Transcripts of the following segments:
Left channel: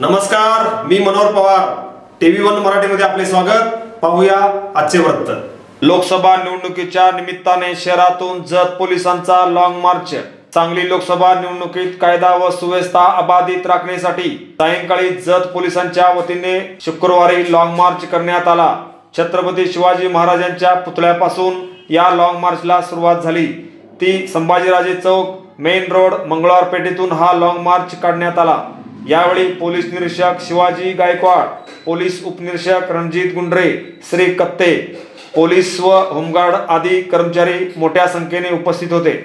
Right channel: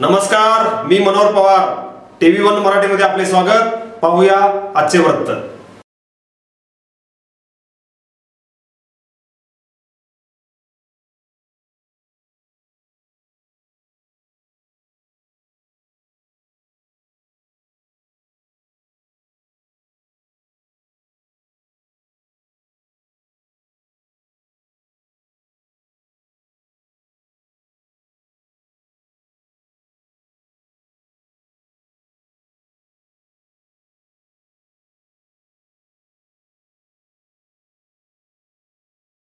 नमस्कार, मी मनोहर पवार. TV1 मराठीमध्ये आपले स्वागत. पाहूया आजचे वृत्त. लोकसभा निवडणुकीच्या निमित्ताने शहरातून जत पोलिसांचा लॉंग मार्च. सांगली लोकसभा निवडणुकीत कायदा व सुव्यवस्था अबाधित राखण्यासाठी सायंकाळी जत पोलिसांच्या वतीने शुक्रवारी लॉंग मार्च करण्यात आला. छत्रपती शिवाजी महाराजांच्या पुतळ्यापासून या लॉंग मार्चला सुरुवात झाली. ती संभाजीराजे चौक, मेन रोड, मंगळवार पेठेतून हा लॉंग मार्च काढण्यात आला. यावेळी पोलीस निरीक्षक शिवाजी गायकवाड, पोलीस उपनिरीक्षक रणजित गुंडरे, श्री कत्ते, पोलीस व होमगार्ड आदी कर्मचारी मोठ्या संख्येने उपस्थित होते.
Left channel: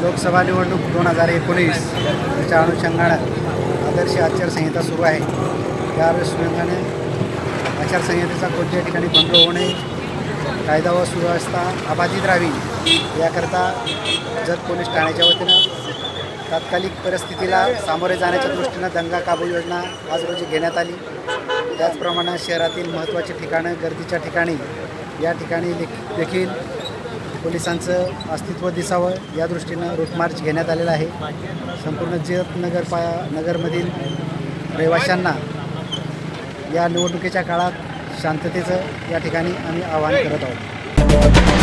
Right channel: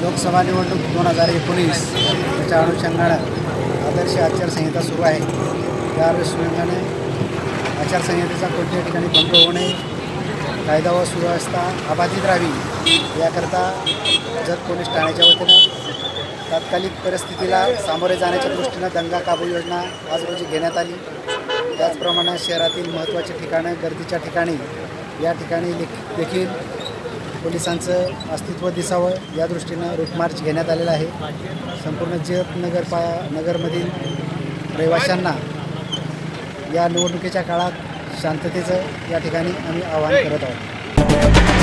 लोकसभा निवडणूक 2019 याच्या अनुषंगानं आदर्श आचारसंहिता सुरू आहे. त्या अनुषंगानं आचारसंहितेचा कोणत्याही ठिकाणी भंग होऊ नये, कायदा व सुव्यवस्था अबाधित राहावी याकरता जत पोलीस ठाण्याच्या वतीनं तात्कालिक परिस्थितीला सामोरे जाण्याच्या दृष्टीनं दंगा काबू योजना आज रोजी घेण्यात आली. त्याचप्रमाणे शहरातील महत्त्वाची ठिकाणं, गर्दीच्या ठिकाणी या ठिकाणी देखील पोलिसांचं अस्तित्व दिसावं या दृष्टीनं रूट मार्च घेण्यात आलेला आहे. संपूर्ण जत नगरमधील रहिवाशांना या निवडणुकीच्या काळात शांततेचं या ठिकाणी आम्ही आवाहन करत आहोत.